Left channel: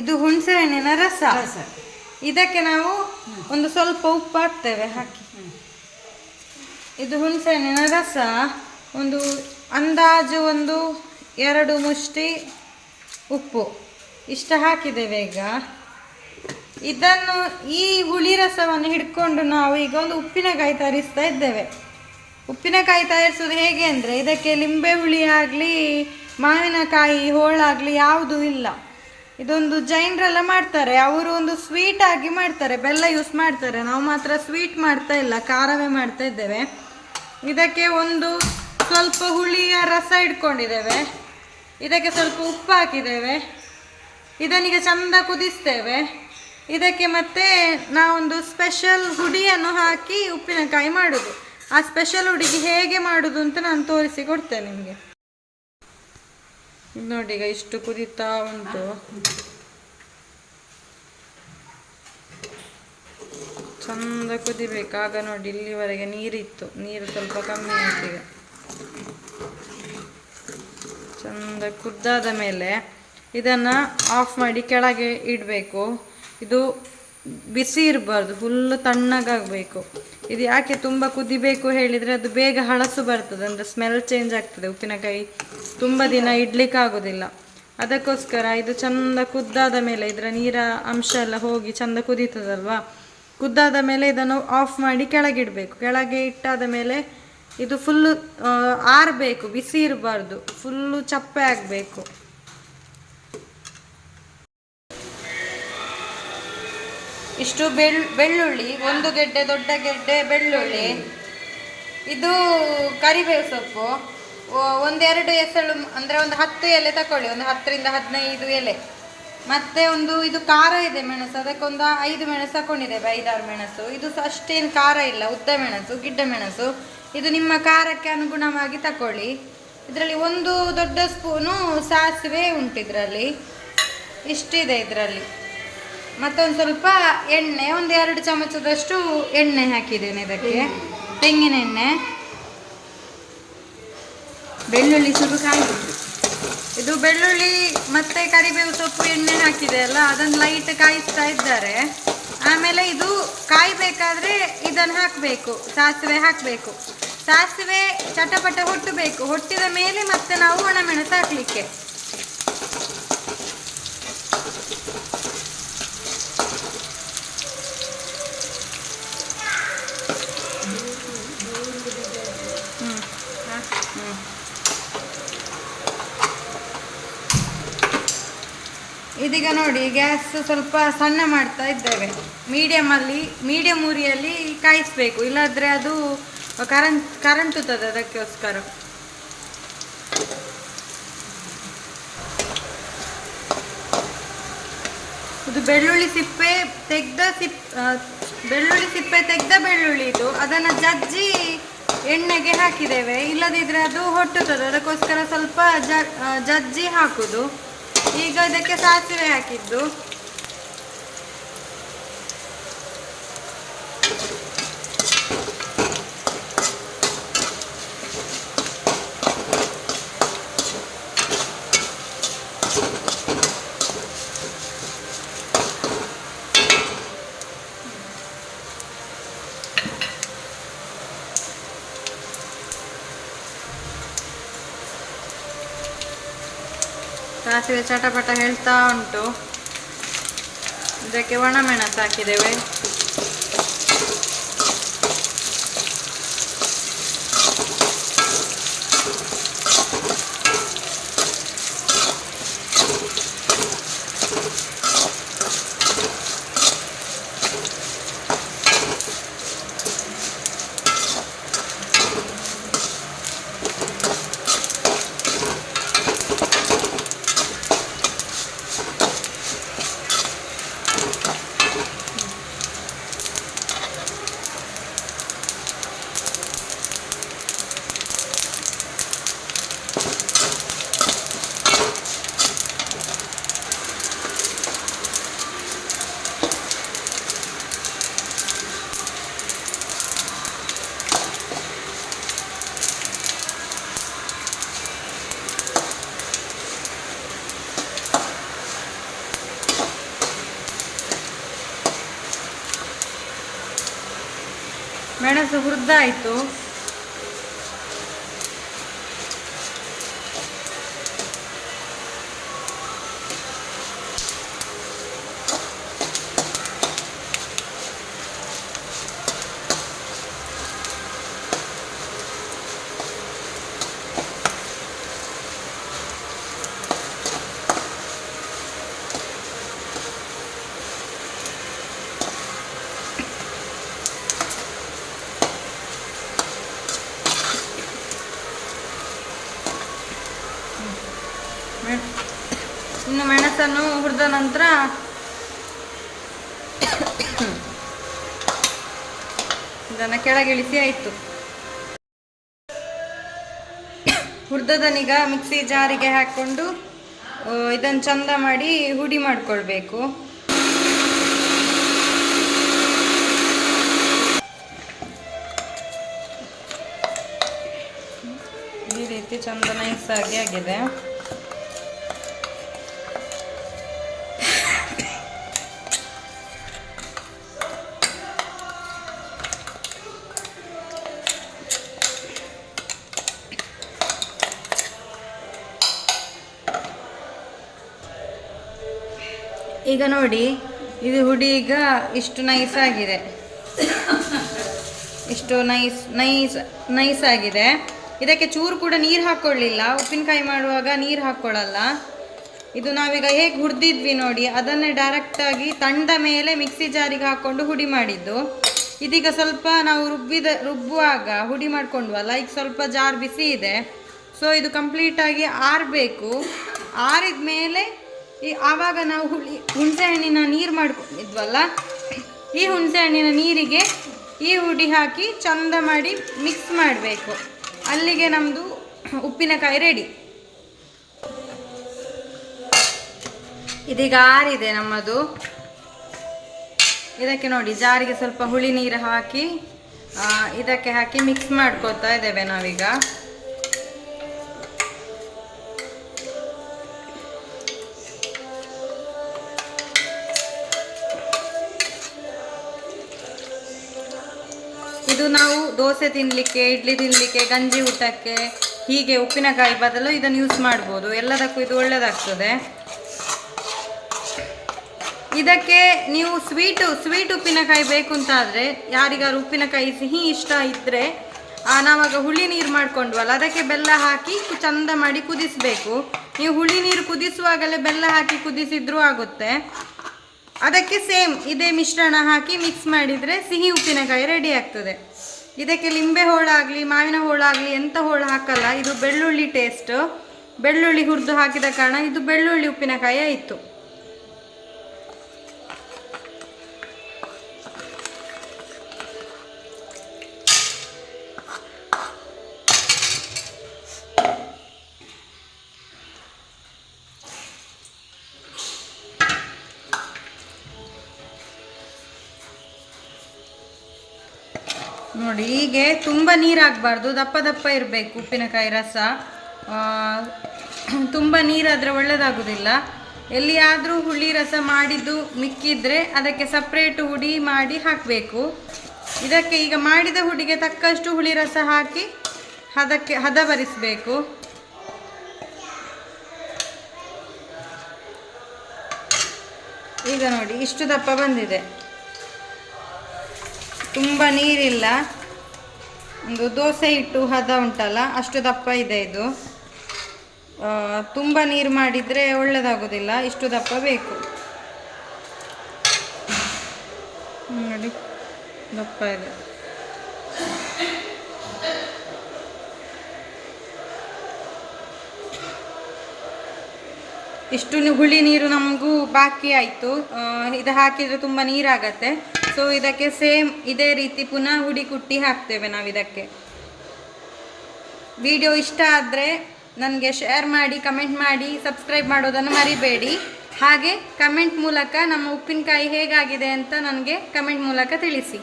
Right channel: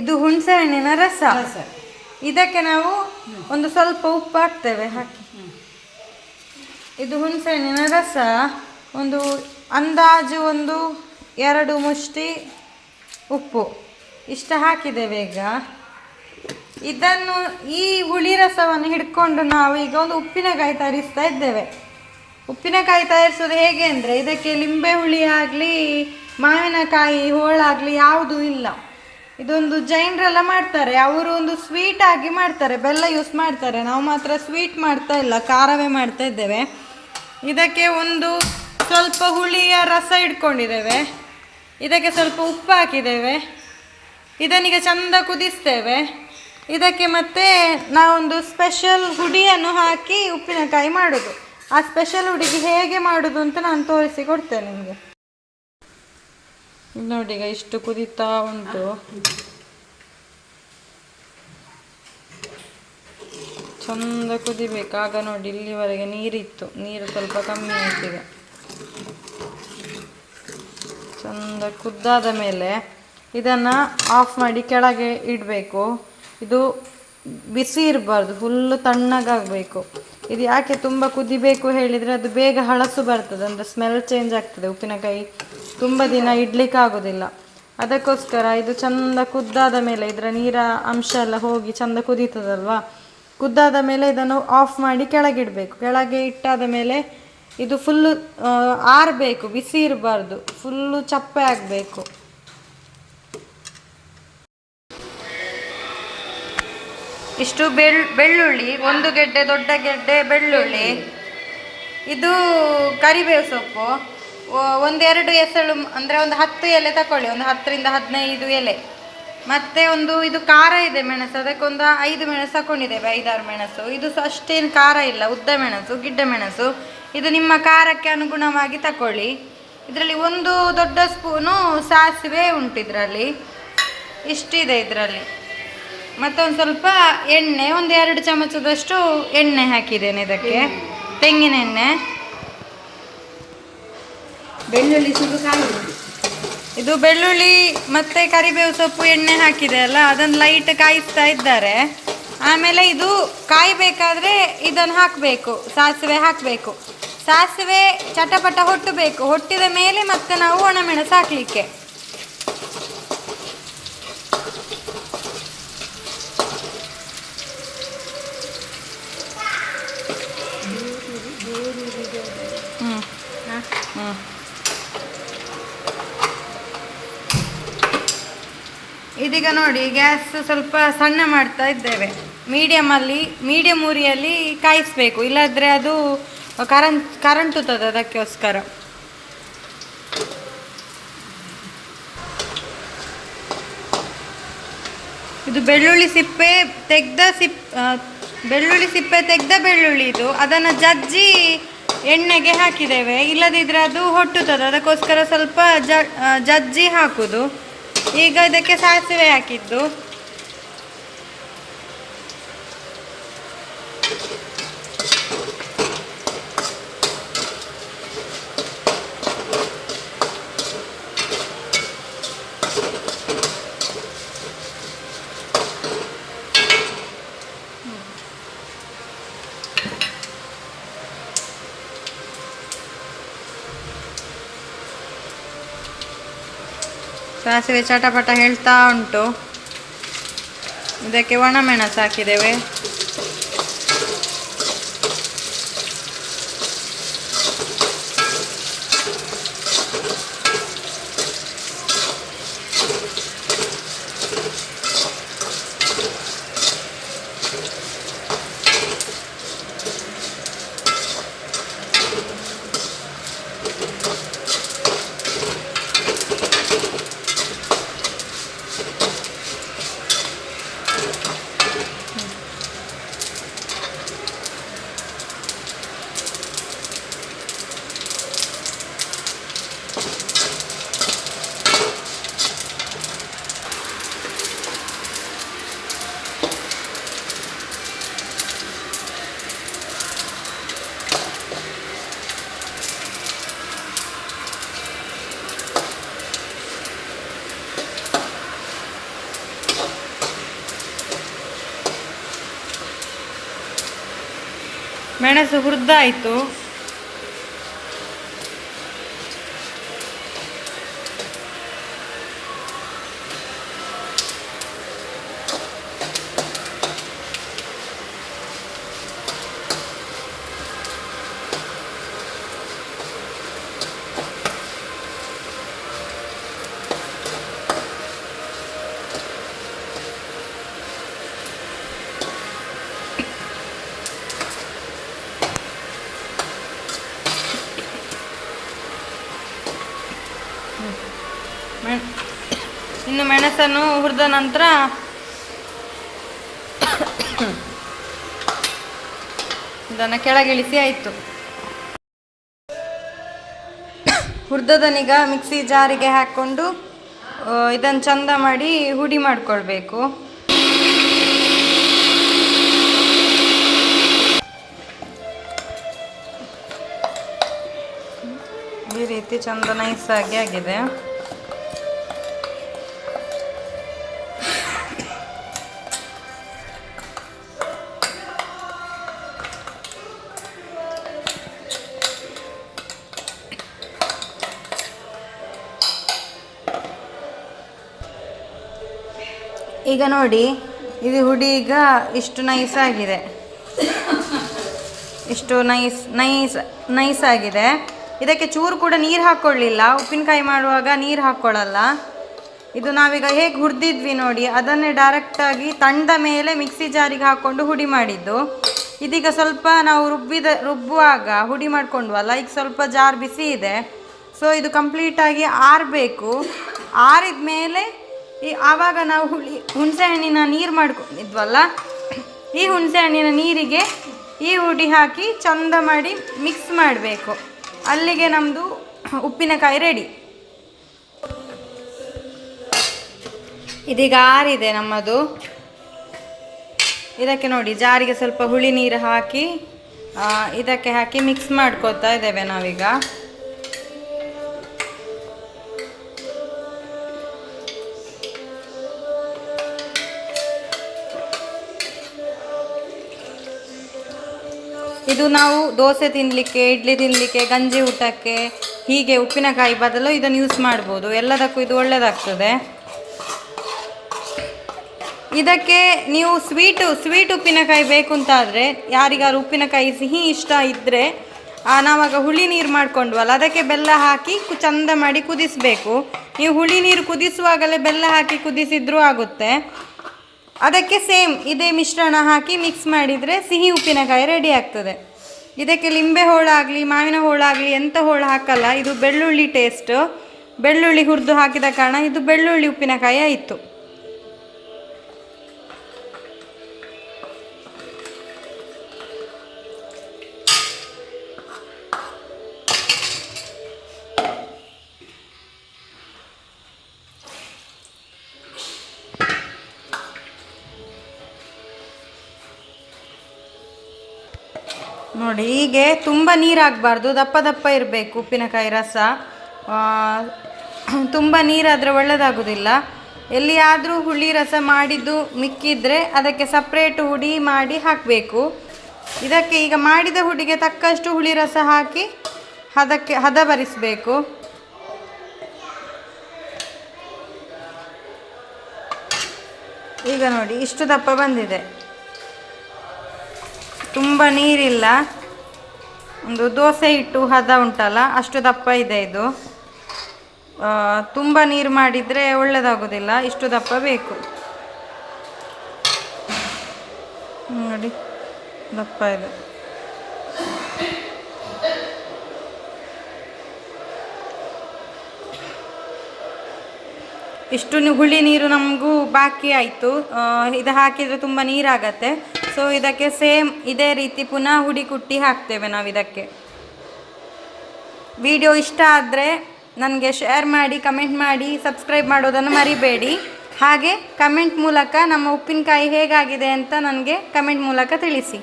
ಇದು ಹುಣಸೆ ಹಣ್ಣಿನ ರಸ. ಇದಕ್ಕೆ ನಾವು ಒಂದು ಸ್ವಲ್ಪ ಉಪ್ಪು ಹಾಕ್ತೇವೆ. ಹಾಕಿ ಇದು ಹುಣಸೆ ಹಣ್ಣಿನ ರಸ ಒಂದು ಅಂದಾಜು ಒಂದು 2 ಮುಷ್ಟಿ ಉಪ್ಪು ಇಷ್ಟ ಹಾಕಿದ್ದೇವೆ. ಈಗ ಇದನ್ನು ಈ ಹುಳಿ ರಸವನ್ನು ಹಿಡ್ಕೊಂಡು ನಾವು ಈಗ ಒಂದು ಉಪ್ಪಿನಕಾಯಿ ತಯಾರಿಸ್ತಾ ಇದ್ದೇವೆ. ಉಪ್ಪಿನಕಾಯಿ ತಯಾರಿಸೋದು ಹೇಗೆ ಅಂದರೆ, ಇದಕ್ಕೆ ಲಿಂಬೆ ಹುಳಿ ಆಗಲಿ ಮಾವಿನಕಾಯಿ ಹೋಳಾಗಲಿ ಯಾವುದೂ ಇಲ್ಲ. ಇದೊಂದು ಜೈನರೆಲ್ಲ ಮಾಡ್ತಾರೆ, ಅವರು ಒಂದು ಸ್ವೀಟ್ ಆಗಿ ಮಾಡ್ತಾರೆ, ಬೆಲ್ಲ ಯೂಸ್ ಮಾಡ್ತಾರೆ. ನಾವು ಮಾತ್ರ ಸ್ವೀಟ್ ಮಾಡ್ತಾ ಇಲ್ಲ, ಖಾರವೇ ಮಾಡ್ತಾ ಇದ್ದೇವೆ. ಇದಕ್ಕೆ ಒಂದು ಸ್ವಲ್ಪ ಹುಳಿಯ ರಸ ಇಟ್ಕೊಂಡಿದ್ದೇವೆ. ಇದಕ್ಕೆ ಸ್ವಲ್ಪ ಉಪ್ಪು ಹಾಕಿದ್ದೇವೆ. ಇದನ್ನೀಗ ಚಂದ ಕುದಿಸ್ತೇವೆ. ಇದಕ್ಕೆ ಮತ್ತೆ ನಾವೊಂದು ಸ್ಪೆಷಲ್ ಹುಡಿಯನ್ನು ಹಾಕಿ ಉಪ್ಪಿನಕಾಯಿ ಮಾಡೋದು. ಆ ಸ್ಪೆಷಲ್ ಹುಡಿಗೆ ಹೇಗೆ ಮಾಡೋದು ಅಂತ ನಾನು ತೋರಿಸಿ ಕೊಡ್ತೇನೆ ನಿಮಗೆ. ನೋಡಿ, ಈಗ ಇಷ್ಟು ಕುದೀತಾ ಉಂಟು. ಚಂದ ಕುದಿಬೇಕು. ಆಗ ನೋಡಿ, ಇಲ್ಲಿವರೆಗೆ ನೀರಿತ್ತು, ನೀರು ಸ್ವಲ್ಪ ಕಮ್ಮಿ ಆಯ್ತು. ಈಗ ಚಂದ ಕುದ್ದಾದ ಮೇಲೆ ಇದನ್ನು ಆಫ್ ಮಾಡಿ ಕೆಳಗೆ ಇಡಬೇಕು. ಇದು ಬಿಸಿ ಇರಬಾರ್ದು, ಫುಲ್ಲು ತಣ್ಣಗಾಗಬೇಕು. ಇದು ಯಾಕೆ ತುಂಬ ಕುದಿಬೇಕು ಹೇಳಿದರೆ, ಅದು ಬೇಗ ಹಳಸು ಬರ್ತದೆ, ಅಂದರೆ ಸ್ಮೆಲ್ ಚೇಂಜ್ ಆಗ್ತದೆ. ಉಪ್ಪಿನಕಾಯಿ ತುಂಬ ದಿನ ಇಡ್ಲಿಕ್ಕೆ ಆಗೋದಿಲ್ಲ. ಅದಕ್ಕೋಸ್ಕರ ಇದು ಚಂದ ಕುದ್ದಾದ ಮೇಲೆ, ಇದರ ನೀರ ಅಂಶ ಎಲ್ಲ ಹೋಗಿ ಚಂದ ಕುದೀತದಲ್ವಾ, ಕುದ್ದಾದ ಮೇಲೆ ಇದನ್ನು ಆಫ್ ಮಾಡಿ ಕೆಳಗಿಡಬೇಕು. ಕೆಳಗೆ ಇಟ್ಟಾದ ಮೇಲೆ ಇದು ಫುಲ್ಲು ಆರಬೇಕು, ಬಿಸಿ ಇರಬಾರ್ದು, ಫುಲ್ಲು ಚಪ್ಪೆ ಆಗಬೇಕು. ಇಷ್ಟು ಬೆಳ್ಳುಳ್ಳಿ, 1 ಗೆಡ್ಡೆ ದೊಡ್ಡ ಗೆಡ್ಡೆ ಬೆಳ್ಳುಳ್ಳಿ, ಇದು ಕರಿಬೇವು ಸೊಪ್ಪು, 1-2 ಎಸಳು, ಅಂದರೆ ಒಂದು 10 ಎಲೆ ತಗೊಳ್ಳಿ, ಒಂದು 10ರಿಂದ 15 ಎಲೆ. ಮತ್ತು ಇದು ಖಾರ ಇದೆ ಮೆಣಸು, ಅದಕ್ಕೊಂದು 5 ಮೆಣಸು ತಗೊಂಡಿದ್ದೇವೆ, 5-6 ಮೆಣಸು. ಇದು ಅಷ್ಟೇನು ಖಾರ ಇಲ್ಲ, ಉದ್ದ ಮೆಣಸು, ಗಿಡ್ಡ ಮೆಣಸು. ಇದು ನಿಮ್ಮ ಖಾರಕ್ಕೆ ಅನುಗುಣವಾಗಿ ತಗೊಳ್ಳಿ. ಇದರಲ್ಲಿ 1 ದೊಡ್ಡ ಸ್ಪೂನು ಸಾಸಿವೆ ಉಂಟು, ಇದರಲ್ಲಿ ಇಷ್ಟಿದೆ ಇದರಲ್ಲಿ. ಮತ್ತೊಂದು ಸ್ವಲ್ಪ ಎಣ್ಣೆ, 1-2 ಚಮಚದಷ್ಟು ಎಣ್ಣೆ ಹಾಕಿದ್ದೇನೆ ಇದಕ್ಕೆ, ತೆಂಗಿನ ಎಣ್ಣೆ. ಬೆಳ್ಳುಳ್ಳಿ ಸ್ವಲ್ಪ ಇದು ಬೆಳ್ಳುಳ್ಳಿ ಮತ್ತು ಕರಿಬೇವು ಸೊಪ್ಪು ಎಣ್ಣೆ ಹಾಕಿದೆ ಅಲ್ಲ, ಅದನ್ನು ಲೈಟ್ ಕಾಯಿಸ್ತಾ ಇದ್ದಾರೆ. ಆಮೇಲೆ ಇದು ಕಾಯಬೇಕಾದ್ರೆ ಇದನ್ನು ಹಾಕಬೇಕು, ಸಾಸಿವೆ ಹಾಕಬೇಕು. ಸಾಸಿವೆ ಚಟಪಟ ಹೊಟ್ಟಬೇಕು. ಹೊಟ್ಟಿದ ಮೇಲೆ ಮತ್ತೆ ನಾವು ಒಣಮೆಣಸು ಹಾಕಲಿಕ್ಕೆ. ಇದೀಗ ನೋಡಿ, ಗ್ಯಾಸ್ ಸ್ವಲ್ಪ ಸಣ್ಣ ಮಾಡ್ತಾ ಇದ್ದೇವೆ. ಮೀಡಿಯಮ್ ಉರಿಯಲ್ಲಿ ಕಾಯಿಸಬೇಕು, ಇಲ್ಲಾಂದರೆ ಅದು ಕರಂಟುತ್ತದೆ. ಅದಕ್ಕೋಸ್ಕರ ಇದು ಬೆಳ್ಳುಳ್ಳಿ ಸಿಪ್ಪೆ ತೆಗೆದ ಬೆಳ್ಳುಳ್ಳಿ ಇದು. ಅದನ್ನು ಜಜ್ಜಿ ಎಣ್ಣೆಗೆ ಹಾಕಿದ್ದೇವೆ, ಇಲ್ಲದಿದ್ದರೆ ಅದು ಹೊಟ್ಟುತ್ತದೆ. ಅದಕ್ಕೋಸ್ಕರ ಸ್ವಲ್ಪ ಜಜ್ಜಿ ಹಾಕುದು. ಈಗ ಇದಕ್ಕೆ ಸಾಸಿವೆ ಹಾಕಿದ್ದು, ಸಾಸಿವೆ ಚಟಪಟ ಹೇಳ್ತಾ ಉಂಟು. ಇದಕ್ಕೆ ಒಣಮೆಣಸು ಹಾಕಿದ್ದೇವೆ. ಮೆಣಸು ಹುರಿದಾಯಿತು. ಇನ್ನು ಮೆಣಸನ್ನು ಹುರಿದ ನಂತರ ಇದನ್ನು ಕೆಳಗಿಳಿಸಿ ಆಯಿತು. ಹುರಿದದನ್ನೀಗ ಮಿಕ್ಸಿ ಜಾರಿಗೆ ಹಾಕ್ಕೊಂಡು ಇದನ್ನು ಚಂದ ಮಾಡಿ ಹುಡಿ ಮಾಡಿಕೊಳ್ಬೇಕು. ಈ ರೀತಿ ಚಂದ ನೈಸಾಗಿ ಆಗಿದೆ. ಈಗ ನೋಡಿ, ಇದು ಹುಡಿ ಈಗ ಇಷ್ಟು ನೈಸಾಗಿದೆ, ಇಷ್ಟು ನೈಸ್ ಆಗಿದೆ. ಇದಕ್ಕೆ ಚೂರು ಕೂಡ ನೀರು ಹಾಕ್ಕೊಳ್ಳಿಲ್ಲ. ಉಪ್ಪಿನಕಾಯಿ ಮಾಡುವಾಗ ನೀರು ಹಾಕ್ಕೊಳ್ಳಲ್ಲ. ಇದು ನಾವೀಗ ಹೇಗೆ ಹುರಿದಿದ್ವಿ ನೋಡಿ, ಅದನ್ನೇ ಡೈರೆಕ್ಟಾಗಿ ತಂಡ ಮೇಲೆ ಮಿಕ್ಸಿ ಜಾರಿಗೆ ಹಾಕ್ಕೊಂಡು ಹುಡಿ ಮಾಡಿದ್ದು. ಇದೀಗ ಸ್ವಲ್ಪ ನಾವು ರುಬ್ಬುವಾಗ ಹುಡಿ ಮಾಡ್ಕೊಂಡ್ವಲ್ಲ, ಈಗ ಸ್ವಲ್ಪ ಜಾರ್ ಬಿಸಿ ಇದೆ. ಸೊ ಇದು ಕಂಪ್ಲೀಟಾಗಿ ಆರಬೇಕು. ಆರಿದ ಮೇಲೆ ಆವಾಗ ನಾವು ಹುಣಸೆಹಣ್ಣಿನ ನೀರು ಮಾಡ್ಕೊಂಡಿದ್ವಲ್ಲ, ಈ ಹುಣಸೆಹಣ್ಣಿನ ನೀರಿಗೆ ಈ ಹುಡಿ ಹಾಕಿ ಚಂದ ಮಾಡಿ ಮಿಕ್ಸ್ ಮಾಡಬೇಕು. ಅಲ್ಲಿಗೆ ನಮ್ಮದು ಉಪ್ಪಿನಕಾಯಿ ರೆಡಿ. ಇದೀಗ ಆರಿದೆ ನಮ್ಮದು. ಇದಕ್ಕೆ ನೋಡಿ, ಜಾರಿಗೆ ಸ್ವಲ್ಪ ಹುಳಿ ನೀರು ಹಾಕಿ ಇದಕ್ಕೆ ಹಾಕಿ ಮಿಕ್ಸ್ ಮಾಡ್ಕೊತಾ ಇದ್ದೇವೆ ನಾವೀಗ. ಇದು ನಾವು ದೋಸೆ ತಿನ್ನಲಿಕ್ಕೆ, ಇಡ್ಲಿ ತಿನ್ನಲಿಕ್ಕೆ, ಗಂಜಿ ಊಟಕ್ಕೆ, ಹೀಗೆ ಉಪ್ಪಿನಕಾಯಿ ಬದಲು ಇದನ್ನು ಯೂಸ್ ಮಾಡ್ಬೋದು. ಎಲ್ಲದಕ್ಕೂ ಇದು ಒಳ್ಳೆಯದಾಗ್ತದೆ. ಇದಕ್ಕೆ ನೀವು ಸ್ವೀಟ್ ಉಪ್ಪಿನಕಾಯಿ ಬೇಕು ಅಂತಾದರೆ, ಯಾರಿಗಾರು ಉಪ್ಪಿನಕಾಯಿ ಸಿಹಿ ಇಷ್ಟ ಇದ್ದರೆ, ನಾವಾಗ ಹುಳಿ ನೀರು ಮಾಡ್ಕೊಂಡ್ವಲ್ಲ, ಅದಕ್ಕೆ ಬೆಲ್ಲ ಹಾಕಿ ಚಂದ ಮಾಡಿ ಕುದಿಸಬೇಕು. ನೀವು ಹುಳಿ ನೀರು ಕುದಿಸುವಾಗಲೇ ಬೆಲ್ಲ ಹಾಕಿ ಕುದಿಸಿದ್ರೂ ಆಗುತ್ತೆ. ಅದಕ್ಕೆ ಸೇಮ್ ಇದೇ ಮಿಶ್ರಣ ಹಾಕಿ ಮಿಕ್ಸ್ ಮಾಡಿದರೆ ಸಿಹಿ ಉಪ್ಪಿನಕಾಯಿ ರೆಡಿ ಆಗ್ತದೆ. ಇದಕ್ಕೆ ಲಿಂಬೆ ಹೋಳಾಗಲಿ, ಮಾವಿನ ಹೋಳಾಗಲಿ ಎಂಥ ಹೋಳು ಹಾಕಲ್ಲ. ಇದು ಬೆಳ್ಳುಳ್ಳಿ ಟೇಸ್ಟ್. ಬೆಳ್ಳುಳ್ಳಿ ಹುರಿದು ಹಾಕಿದ ಕಾರಣ ಇದು ಬೆಳ್ಳುಳ್ಳಿ ಉಪ್ಪಿನಕಾಯಿ ಆಯಿತು. ನೋಡಿ, ಹೀಗೆ ತುಂಬ ನೀರಾಗಬಾರ್ದು, ದಪ್ಪ ದಪ್ಪ ಇರಬೇಕು ಉಪ್ಪಿನಕಾಯಿ ರಸ. ತುಂಬ ನೀರಾದರೆ ಒಳ್ಳೆಯದಾಗೋದಿಲ್ಲ. ಎಲ್ಲಿಯಾದರೂ ಹುಳಿ ರಸ ಮಾಡಿದ್ದು ಮಿಕ್ಕಿದ್ರೆ ಅದಕ್ಕೆ ಸಪ್ರೇಟ್ ಹುಡಿ ಮಾಡಿ ಹಾಕಬೇಕು. ಇದಕ್ಕೆ ಈಗ ಮಾಡಿದ ಹುಡಿಗೆ ತಕ್ಕಷ್ಟು ಹುಳಿ ರಸ ಹಾಕಿ ಅದಕ್ಕೆ ಹದ ಬರಿಸಬೇಕು. ಈಗ ನೋಡಿ, ಇಷ್ಟು ದಪ್ಪ ಬಂದಿದೆ, ತುಂಬ ನೀರಿಲ್ಲ. ಒಂದು ದೋಸೆ ಹಿಟ್ಟು ಹದ ಉಂಟಲ್ಲ, ಅಷ್ಟು ದಪ್ಪ ಇದೆ ಇದು. ತುಂಬ ನೀರು ಮಾಡಿದರೆ ಒಳ್ಳೆಯದಾಗೋದಿಲ್ಲ, ಇಷ್ಟು ದಪ್ಪ ಬೇಕು. ನೋಡಿ, ದಪ್ಪ ಇದೆ. ಇಷ್ಟು ಹುಳಿ ನೀರು ನಮಗೂ ಬಾಕಿ ಆಯಿತು. ಇದು ಹಾಕಿದರೆ ತುಂಬ ನೀರಾಗತ್ತೆ. ಸೊ ಇದಕ್ಕೆ ಸೇಮ್ ಇದೇ ರೀತಿ ಪುನಃ ಹುಡಿ ಕುಟ್ಟಿ ಹಾಕ್ತೇವೆ ನಾವು ಇದಕ್ಕೆ. ವಿಡಿಯೋ ಇಷ್ಟ ಆದರೆ ನನಗೆ ಶೇರ್ ಮಾಡಿ, ಕಮೆಂಟ್ ಮಾಡಿ, ಸಬ್ಸ್ಕ್ರೈಬ್ ಮಾಡೋದನ್ನು ಮರಿಬೇಡಿ. ಹಾಗೆ ಕಮೆಂಟ್ ಮೂಲಕ ನಮ್ಮ ಉಪ್ಪಿನಕಾಯಿ ಹೇಗಾಗಿದೆ ಅಂತ ನನಗೆ ಕಮೆಂಟ್ ಮೂಲಕ ತಿಳಿಸಿ.